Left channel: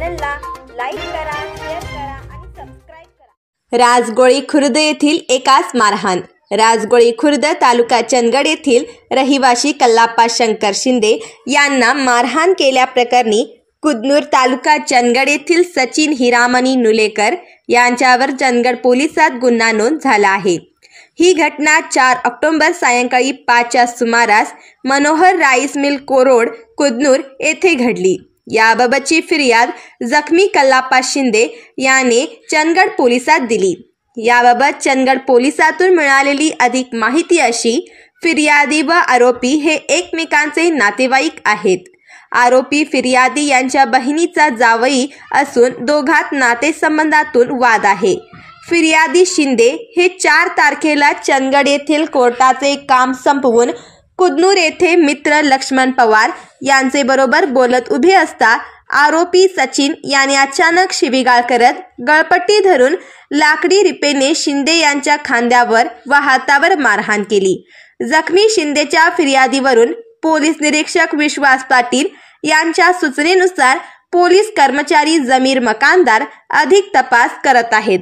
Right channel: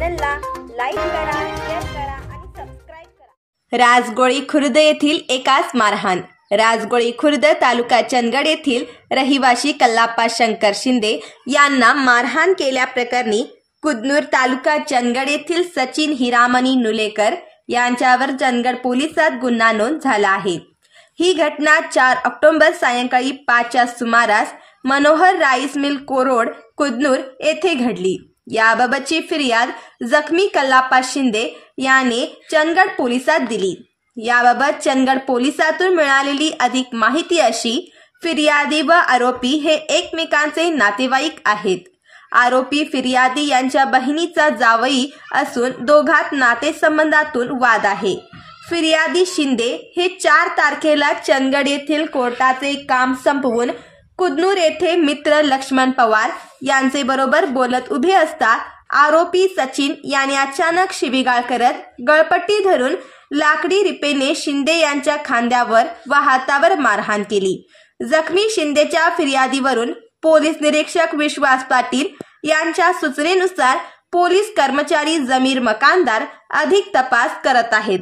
चॅनलला लाईक करा, शेअर करा आणि सबस्क्राइब करा। राजगोळी खुर्द येथील एकास मारहाण। राजगोळी खुर्द तालुका चंदगड येथील रहिवासी कल्लाप्पा शंकर शिंदे यांना मारहाण केल्याप्रकरणी कुदनूर तालुका चंदगड येथील सचिन हिरामणी नुलेकर यांच्यावर चंदगड पोलिसात गुन्हा नोंद झाला आहे। ही घटना 4 ऑक्टोबर सायंकाळी 5च्या सुमारास मनोहर राईस मिल कोरोड कुदनूर येथे घडली। याबाबतची फिर्याद जखमी कल्लाप्पा शिंदे याने चंदगड पोलिसात दिली। याबाबत चंदगड पोलिसातून मिळालेली अधिक माहिती अशी, फिर्यादी व आरोपी हे एकमेकांचे नातेवाईक आहेत। आरोपी फिर्यादी यांच्या बहिणीचा जावई असून दोघात नातेसंबंधातून वाद आहे। फिर्यादी शिंदे हे 4 तारखेला चंदगड येथील कोर्टाचे काम संपवून कुदनूर येथे मित्र लक्ष्मण पवार यांचे बरोबर बोलत उभे असता आरोपी सचिन याने अचानक शिवीगाळ करत गळपट्टी धरून लाकडी रिपेने शिंदे यांच्या खांद्यावर व हातावर मारहाण केली। जखमी शिंदेच्या फिर्यादीवरून पोलीस निरीक्षक विश्वास पाटील यांच्या सूचनेनुसार पोलीस कर्मचारी जमीर मकानदार अधिक तपास करत आहेत।